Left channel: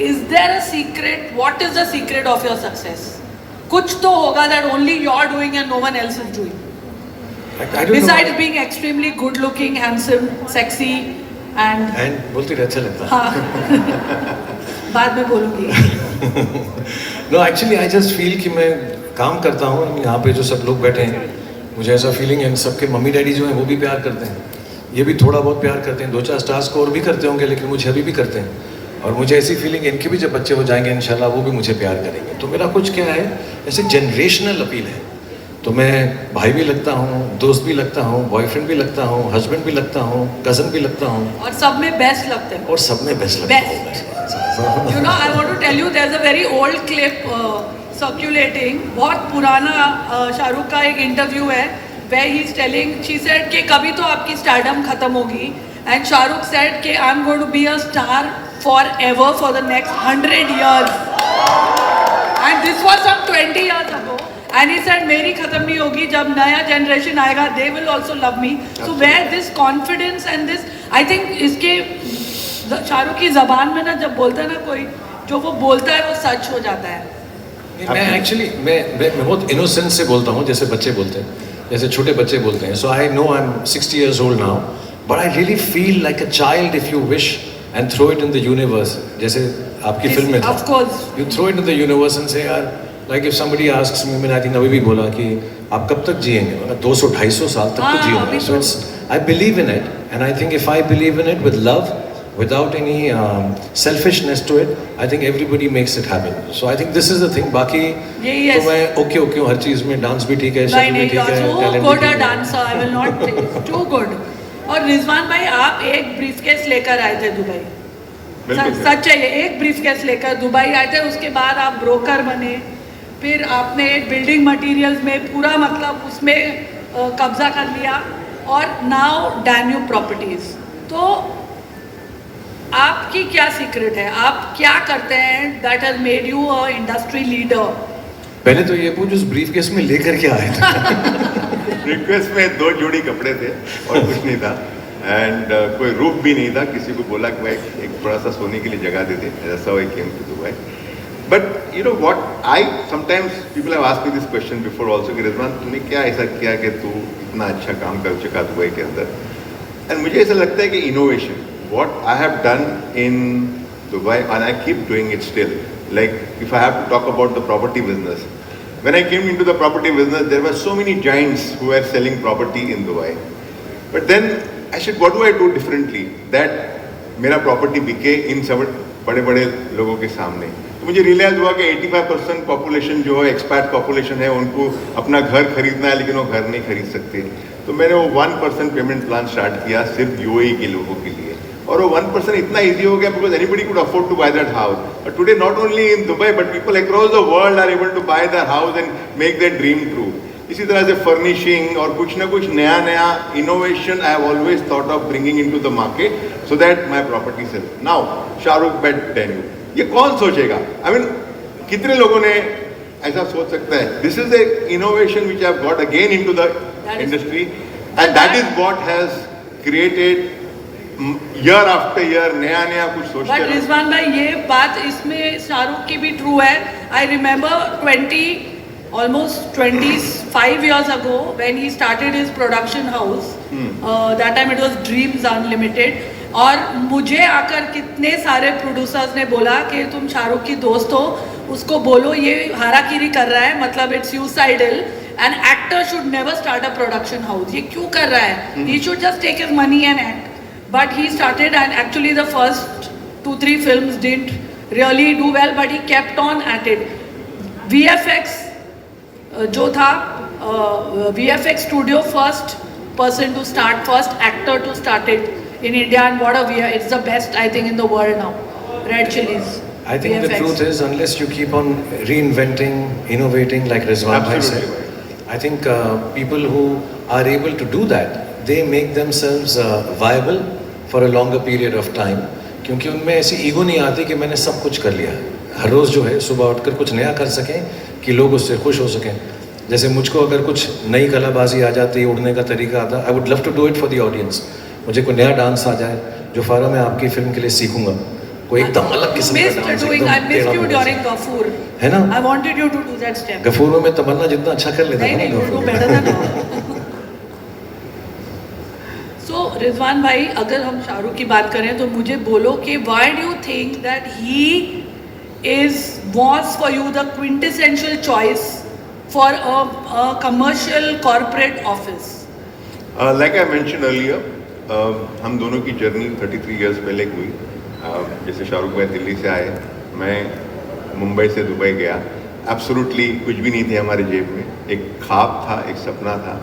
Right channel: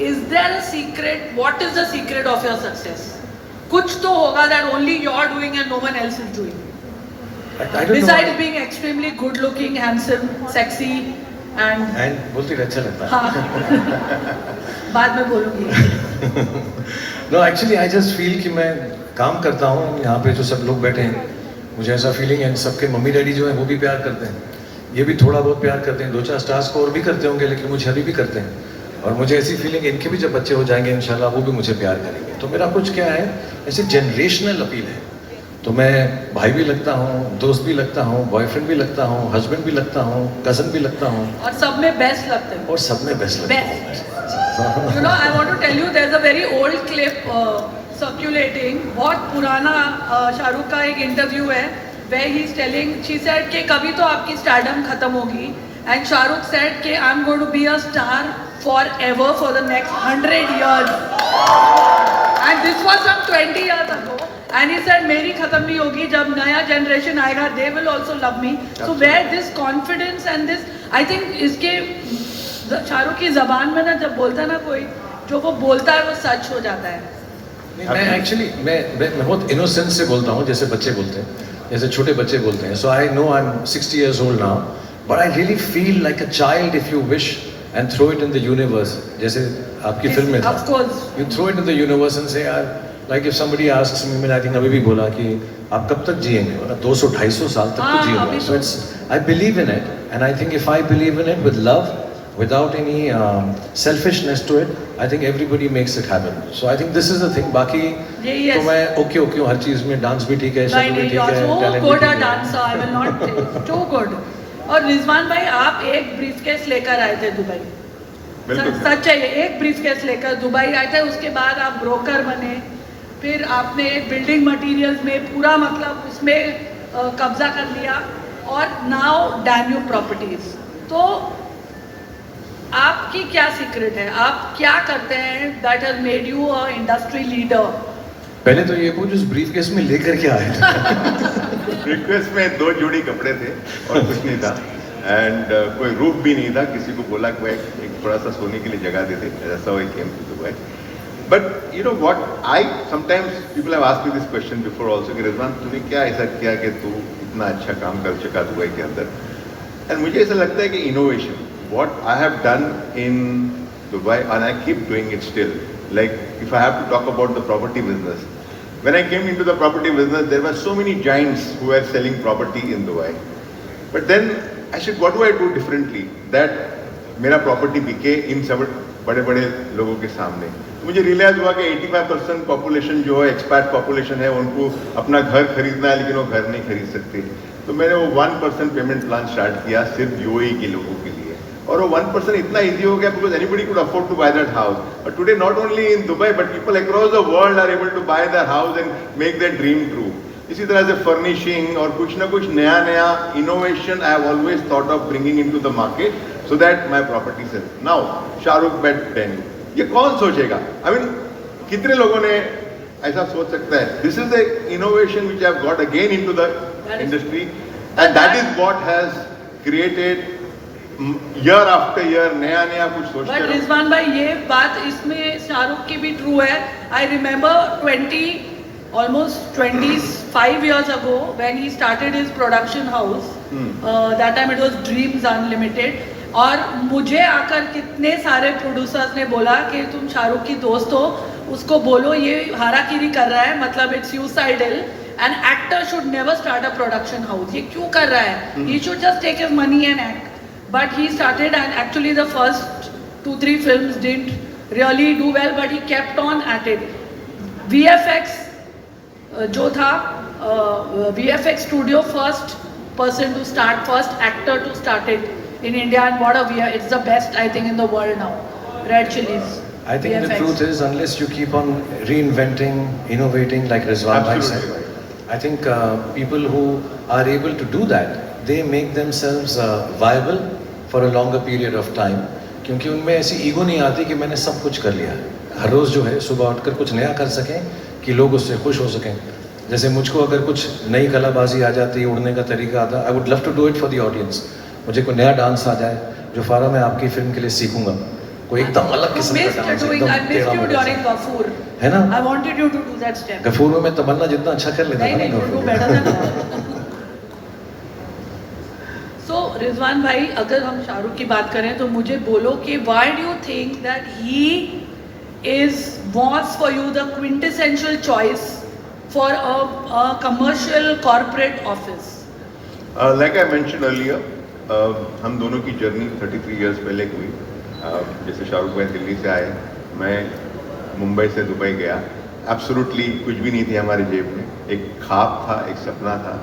Is there a secret? What is the secret of your success? कुछ तो होगा that only you're doing and no one else is doing. I don't Besides know. being extremely good looking, handsome, sexy and बोलती रहे, अच्छा लगता है. हाँ बाद में बोलूँगी. No, actually I just feel कि मैं काम करता हूँ, यहाँ पे जो सब लोग बैठे हैं, मुझे ऐसा फीलिंग है सबके मम्मी डैडी जो हैं वो भी प्यार करते हैं, ये भी थोड़ा बहुत प्यार करते हैं, 2-4 स्टार्स को और भी करते होंगे, लेकिन मुझे अभी भी करते हैं. और मुझे ऐसी फीलिंग है इनके भी जब बच्चे हो जाएंगे इंशाल्लाह वो भी मुझे प्यार करेंगे. तो मेरा कुछ क्या है, ऐसे जनरेशनल अपील है. तो मैं भाई भी लगता हूँ, दोस्त भी लगता हूँ, बॉयफ्रेंड भी लगता हूँ, हस्बैंड भी लगता हूँ, कज़न भी लगता हूँ, और सब में बेस्ट लगते हैं. और सब में बेस्ट लगता हूँ. Best. You know, I want to tell you, there's a very old clip circulating. बहुत पुराना शाहरुख का एक इंटरव्यू है, where he's telling, she said कि कभी तो आपकी स्टारडम खत्म होगी, and शाहरुख said कि I'm going to be a star forever for the next 100 years. And this was some 20 years ago. And he said मेरी खत्म नहीं होगी, जब नया जनरेशन आएगा they will also love me. So where this confidence and this, I think इसके शाहरुख की ज़बान में ना जब बोलता है ना कोई, जो वो बोलता है वो सच हो जाता है. मैं एक्चुअली मैं बहुत इनोसेंस से बोलता हूँ, जैसे बच्चे बोलते हैं, जैसे छोटे बच्चे बोलते हैं. So I know I am 60 years old now, but I really feel like a child if you wish and throw it in the universe. जैसे आपकी फिल्म में था. Of course. You throw it in the universe and say यार, like if somebody asks me, मैंने I think अभी भी बोला कि आप कब तक जिएंगे, मतलब 200-250 साल तक तो जिएंगे. So it's, I believe in it, and I think if I believe in it with love, without any selfishness to it, I think everybody makes it happen. So I think this is the thing. बाकी तो मैं okay हूँ हर चीज़ में, dance भी ठीक है, शक्ल भी ठीक है, टैलेंट भी ठीक है. Dancer, I will not say too good. और रिजवान भाई आप एक ब्रीफकेस लेकर आए थे दुबई. सच है, ये एक ब्रीफकेस लेकर दुबई आए थे, उसके बाद आप ब्रोकर बने, फिर आपने बिल्डिंग मटेरियल्स में पूरा मतलब उसमें कब्जा कर लिया, और नाउ डैन्यूब प्रॉपर्टीज. तो आपकी क्या सीक्रेट है, आप क्या करते हैं that has made you a industry leader? पहले तो ये पूछ उस ब्रीफकेस में लेकर के आए थे. ब्रीफकेस में 2 जोड़ी कपड़े थे और कुछ नहीं था, एंड कोई रूप भी नहीं था. किसी को बोला कि भाई एक थोड़ा सा सोने के लिए जगह दे दे, ऐसा I came to Dubai. But you know what, I sometimes people have asked me this question before also कि रिजवान तूने क्या ऐसा किया कि तू इतना अच्छा काम कर चुका दुबई के अंदर. एंड मुझे ऐसा लगता है कि innovation, what I have done in Dubai, and I keep doing it still. Like if I have to talk about the property business, when I came into the property business, there were so many giants who were selling property in Dubai. But then I said, what do I do differently that मेरा property बिके इन सब बड़े-बड़े लोगों के सामने. तो मुझे realise हुआ कि 85% पॉपुलेशन जो है एक्सपैट पॉपुलेशन है, उनको अपना घर खरीदना है लेकिन वो घर नहीं खरीद सकते. तो मैंने वो 1% पेमेंट प्लान स्टार्ट किया सिर्फ यूएई के लोगों के लिए, और वो 1% इतना ईजी हो गया because anybody could afford to buy that house. But today not only in Dubai but people across the world are able to buy that house and make that dream true. इसी तरह से furnishing और कुछ ना कुछ नया innovation I have always thought of bringing into the market so that my property sell. Now Shahrukh bet Danube, ये कौन सोचेगा? आई मीन कितने लोगों ने ऐसा सोच सकता है? This is the innovation which I have got again into the industry, and that is what has created year after year नया कुछ सोचते हैं. बट रिजवान भाई ये बात इसमें शाहरुख की भी ट्रू है. I remember almost 25 years ago when he started his production house. That time it was Dreams Unlimited. और मुझे आकर कितने सारे प्रोड्यूसर्स ने बोला कि तुम शाहरुख की दोस्त हो, उसको बोलो ये हाराकीरी कर रहा है, मतलब it's suicidal, an actor should never start a production house. ये क्यों कर रहा है? He should just take his money and act. But he started, and actually the first 2-3 films didn't really do well, but he kept on at it. VFX जो था, VFX studio first person to start, first actor to start it in India, and what a it's the best I think in the world now. Red Chillies. I think VFX. The truth is, unless you keep on reinventing, innovating like Rizwan Bhai said, I think people who are able to do that, they make themselves viable for a longer period of time. क्योंकि उनमें ऐसी ego नहीं आती कि मैंने सब कुछ कर लिया. हर रोज़ जो है सुबह उठकर कुछ नया कर सकें कि लोग उससे खुश हो सकें. जैसे मुझको अगर कुछ नई कलाबाजी आ जाती, उड़ने का तरीका आता, I would love to do it for the audience. मुझे कोई नया डांस आ जाए जो फारा मैं आपकी फिल्म के लिए सीखूंगा, कोई एकदम अलग किस्म का डांस, I एकदम missed टेढ़ा you मेढ़ा during सा। Gafur. है ना? I wanted you to do that step. Ghafoor में तमन्ना जितना अच्छा कर लेता नहीं था नहीं, ना you do Ghafoor. better than. So Rizwan भाई, अगर हम शाहरुख की बात करें तो मुझे बोलो कि why do you think that he was for you the quintessential choice for a commercial corporate office? Like I mentioned earlier, हम दोनों की जर्नी 33 इयर्स पहले हुई। जैसे शाहरुख भाई दिल्ली से आए, मैं मुंबई से दुबई गया। एब्सोल्युटली कुछ भी नहीं थे हमारी जेब में, एक ख्वाब था, एक सपना था,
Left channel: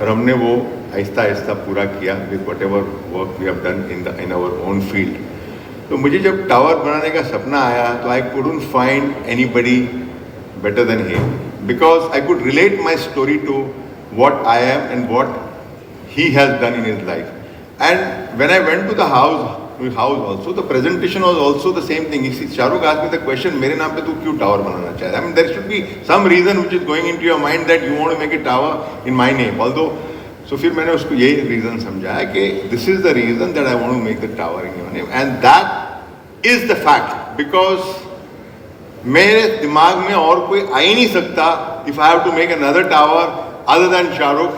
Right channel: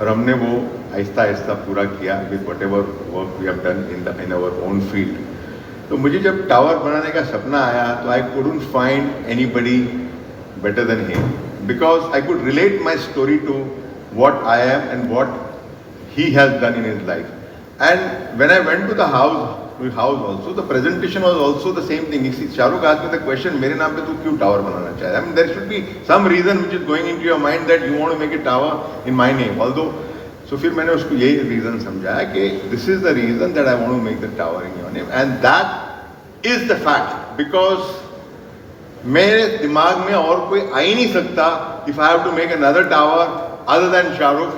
और हमने वो आहिस्ता आहिस्ता पूरा किया with whatever work we have done in our own field. तो मुझे जब टावर बनाने का सपना आया तो I couldn't find anybody better than him, because I could relate my story to what I am and what he has done in his life. And when I went to the house also, the presentation was also the same thing. Shahrukh asked me the question, मेरे नाम पे तू क्यों tower बनाना चाहता है? I mean, there should be some reason which is going into your mind that you want to make a tower in my name. Although, so फिर मैंने उसको यही reason समझाया कि this is the reason that I want to make the tower in your name, and that is the fact, because मेरे दिमाग में और कोई आ ही नहीं सकता if I have to make another tower other than Shahrukh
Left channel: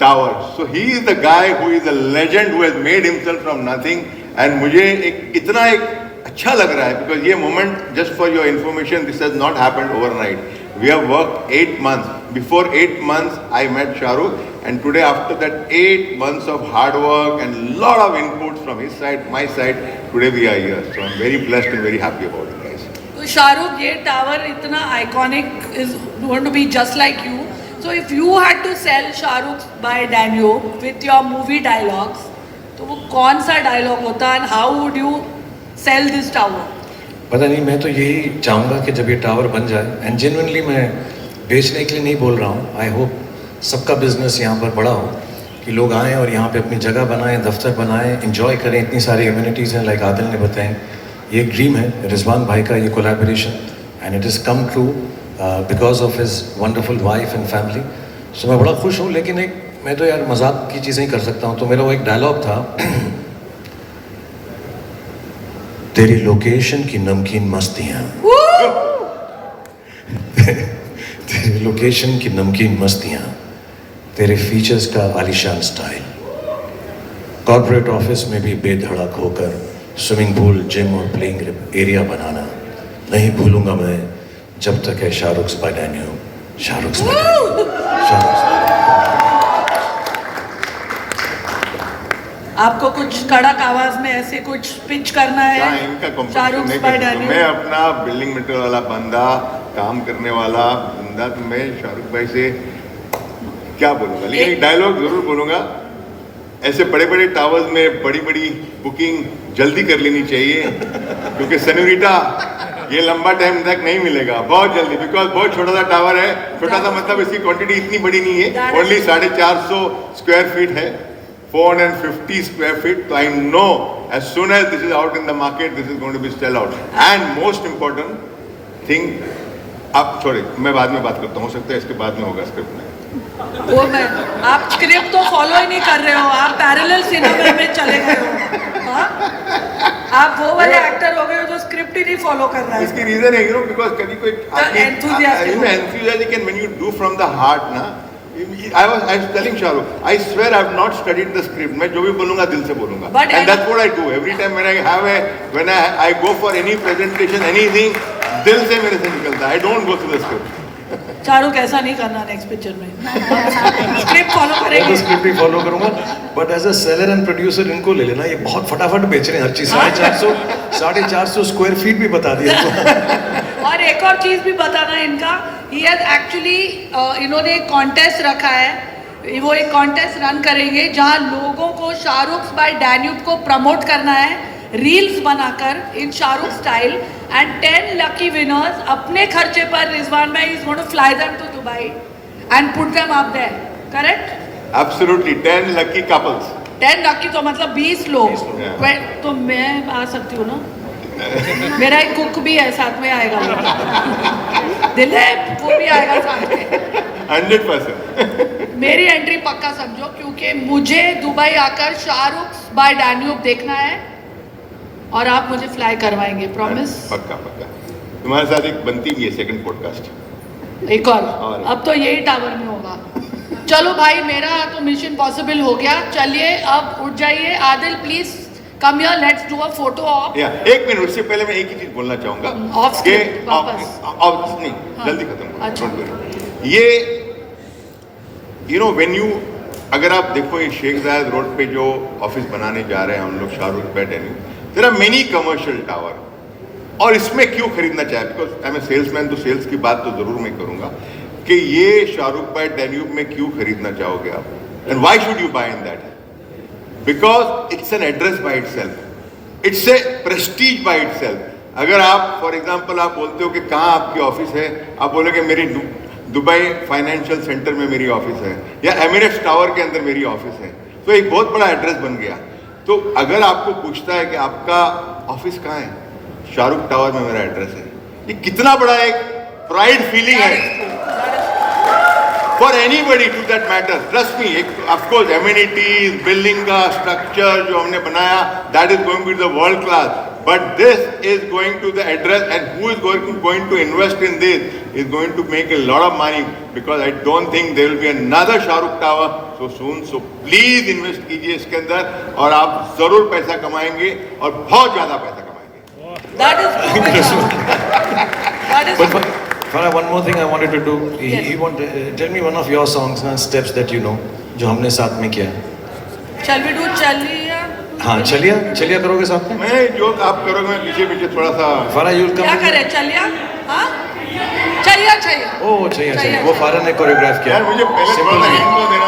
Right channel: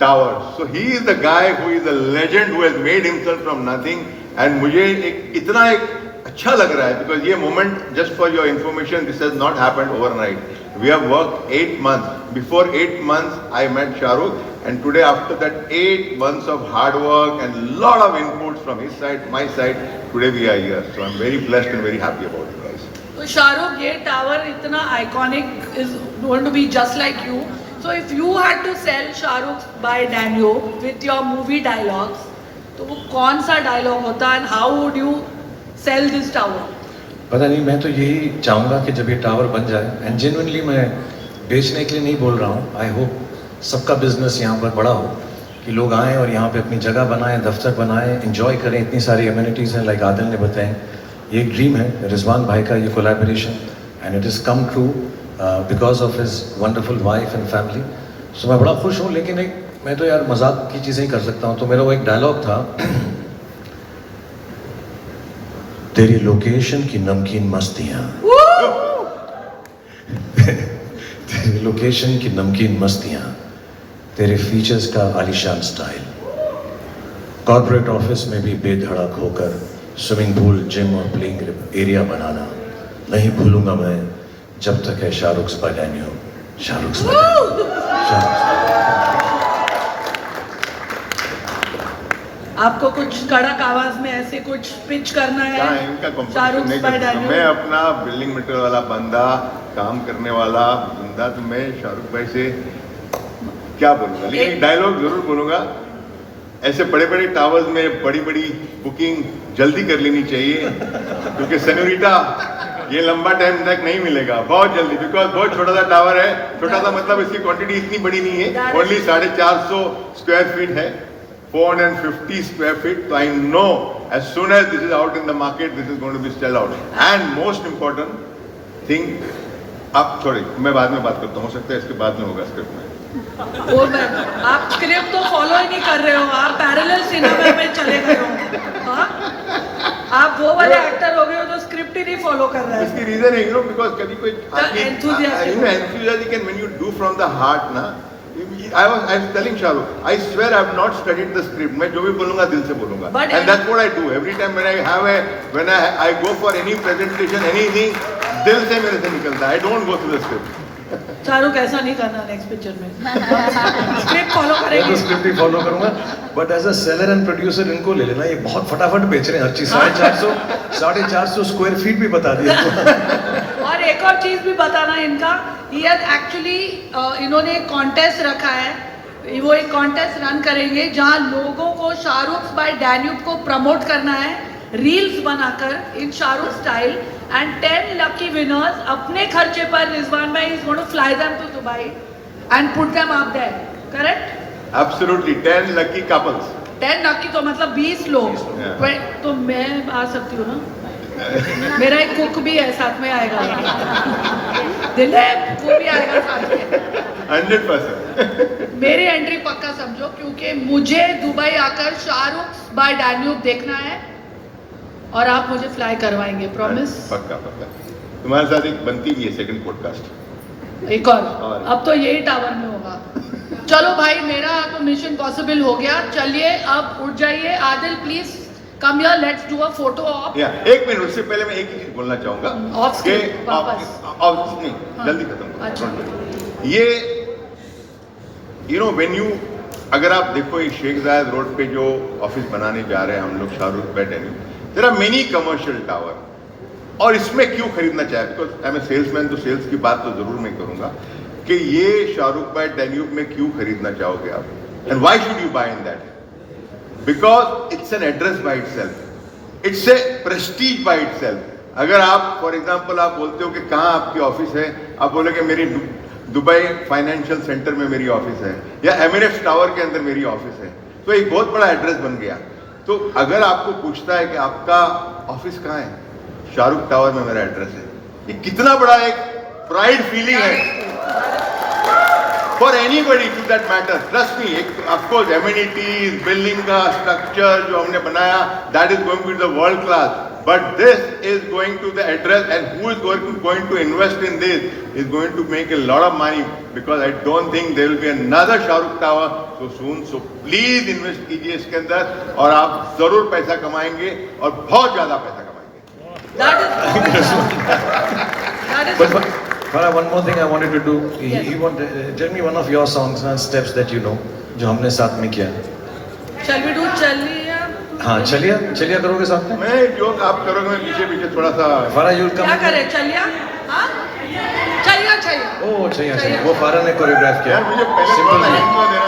Tower. So he is the guy who is a legend who has made himself from nothing, and मुझे इतना अच्छा लग रहा है because ये moment, just for your information, this has not happened overnight. We have worked 8 months. Before 8 months, I met Shahrukh, and today after that 8 months of hard work and lot of inputs from his side, my side, today we are here. So I'm very blessed and very happy about it. तो शाहरुख, ये tower इतना iconic is going to be just like you. So if you had to sell Shahrukh by Danube with your movie dialogues, तो वो कौन सा dialogue होता and how would you sell this tower? पता नहीं, मैं तो यही चाहूँगा कि जब ये टावर बन जाए, एंड जेन्युइनली मैं बेचने के लिए नहीं बोल रहा हूँ, आई होप सबका बिजनेस यहाँ पर बड़ा हो, कि लोग आएँ और यहाँ पे अपनी जगह बनाएं, दफ्तर बनाएं, एंजॉय करें. इतनी सारी एम्यूनिटीज़ हैं, लाइक आदिल ने बताएं. ये एक ड्रीम है रिजवान भाई का, ये collaboration, and it is come true because of his wonderful wife and family. So मैं बड़ा खुश हूँ. लेकिन एक मैं तो यार मजाक की चीज़ें ही कर सकता हूँ. तो मेरा वो एक डायलॉग था, तेरी लोकेशन की नमकीन मस्तियाँ, तेरी लोकेशन की नमकीन मस्तियाँ, तेरे फीचर्स का आलीशान स्टाइल, कॉर्पोरेट ऑफिस में भी बेधड़क होकर स्विमिंग पूल, जिम और प्लेइंग एरिया बनाना नहीं भूलूंगा मैं जब तक है शाहरुख बाय डैनियो. शाहरुख आपको कुछ कड़क आवाज में ऐसे कुछ पिच करना है? इनका शाहरुख बाय डैनियो. मैं अपना बिल्डिंग मटेरियल वाला बंदा, काम करने वाला बंदा, तो मैं शाहरुख भाई से क्या बोलूँगा, लेकिन एक डायलॉग जरूर बोलूँगा. ऐसे बड़े बड़े टावर्स में बड़ी बड़ी बुकिंग जल्दी कर लेनी चाहिए, क्योंकि सेनोरिटा ये लंबा टाइम तक नहीं मिलेगा, बहुत जल्दी, बिकॉज बहुत छोटा सा टावर है. छोटा सा मतलब इसकी क्वांटिटी इतनी बड़ी नहीं है, ओनली 450 स्क्वायर फीट है, 450 स्क्वायर फीट. तो I know as soon as this is out in the market, this is going to be sell out. And most important thing, आप सॉरी मैं बाद में बात करता हूँ, हो सकता है इसके बाद में होगा स्क्रिप्ट में. वो मैं, आप स्क्रिप्ट तो फॉलो ही नहीं कर रहे हो, आप पैरेलल सिनेमा में चले गए हो. हाँ, आप वो वाले एक्टर हो गए हो जो स्क्रिप्ट ही नहीं फॉलो कर रहा है. इसकी रीजन है बिकॉज कभी कोई enthusiastic and when you do from the heart ना, I was telling Shahrukh, I swear I have not studied the script. मैं जो भी बोलूँगा दिल से बोलूँगा. And that's what I do every time when I go for any presentation, anything, दिल से मेरे से निकलता है. I don't go through the script. Shahrukh ऐसा नहीं करना नेक्स्ट पिक्चर में. स्क्रिप्ट फॉलो करेंगे. स्क्रिप्ट ही फॉलो करूंगा, but as a seller and producer इनको ले लेना, ये बहुत फटाफट बेच रहे हैं हर चीज. 450 स्क्वायर फीट भी बता दिया. और एक और चीज भी बताना इनका, ही हैज एक्चुअली इन्होंने एक कॉन्टेस्ट रखा है. वो एक कॉन्टेस्ट रन करेंगे जहां लोगों को शाहरुख बाय डैन्यूब को प्रमोट करना है, रील्स बनाकर in Shahrukh style, and 10 lucky winners अपने खर्चे पर रिजवान भाई is going to fly them to Dubai and put them up there. Correct? Absolutely, 10 lucky couples. 10 lucky तो मतलब 20 लोग. तो मैं आ सकती हूँ ना? मेरा एक कुक भी है साथ में आएगा, दिलीप, वो भी आएगा साथ में. 100%. मेरी एंट्री पक्का समझो, क्योंकि मुझे दुबई आकर शाहरुख बाय डैन्यूब देखना है. और आप मुझे फ्लाई करवाएंगे, प्रॉमिस? पक्का पक्का। तुम्हारे साथ एक बनती भी है सेकंड पॉडकास्ट। एक और अब तो यही टावर में होगा। चलो भाई, मेरा तो मिशन पॉसिबल हो गया। चलिए अब उठ जाइए। Adil please come here, let's do a photo op. या एक मिनट, उससे पहले मैं एक ही चीज बोलना चाहूंगा ऑफ स्क्रिप्ट वापस। नहीं, जल्दी खत्म। अच्छा। ये यू नो व्हेन यू, अगर आप देखो ये शेख जायद रोड पे जो ऑफिस बनाने जा रहे हैं हम लोग, Shahrukh bed and there are many commercial tower, और इसमें क्यों खरीदना चाहे? Because I am a salesman, तो सेल्स की बात तो जरूर मैं करूंगा कि ये शाहरुख भाई डैन्यूब में क्यों खरीदना चाहोगे आप, and why should you buy in that? Because it's an address by itself, it's a prestige by itself. अगर आप फॉर एग्जांपल आप बोलते हो कि कहाँ आपकी ऑफिस है, आप बोलोगे मेरी दुबई फाइनेंशियल सेंटर में मेरी ऑफिस है, या एमिरेट्स टावर के अंदर मेरी ऑफिस है, तो एक बहुत बड़ा एड्रेस बन गया। तो अगर आपको पूछता है कि आपका ऑफिस कहाँ है, शाहरुख टावर में मेरा एड्रेस है, ये कितना बड़ा एक प्राइड फीलिंग है for anybody to that matter. Trust me, of course amenities, building का स्ट्रक्चर जो हमने बनाया, that is going to the world class, but this is going to the address, and who is going to invest in this is going to make a lot of money, because I don't think there will be another Shahrukh Tower so soon. So please invest कीजिए इसके अंदर, और आप जरूर पैसा कमाएंगे, और बहुत ज्यादा पैसा कमाएंगे। That is But Farah, one more thing I wanted to do. Yes. You want tell me one of your songs and steps that you know, जो हमने साथ में किया। Shall we do चलिए? हाँ, चलिए करोगे साथ में? मैं जो आप करोगे, मैं पीछे पीछे थोड़ा सा। फारा, you come. क्या करें, चलिए? हाँ? चलिए। ओह, चाहिए। वो फारा ने कोरियोग्राफ किया। यार मुझे पहले Simple थोड़ा thing. intro देना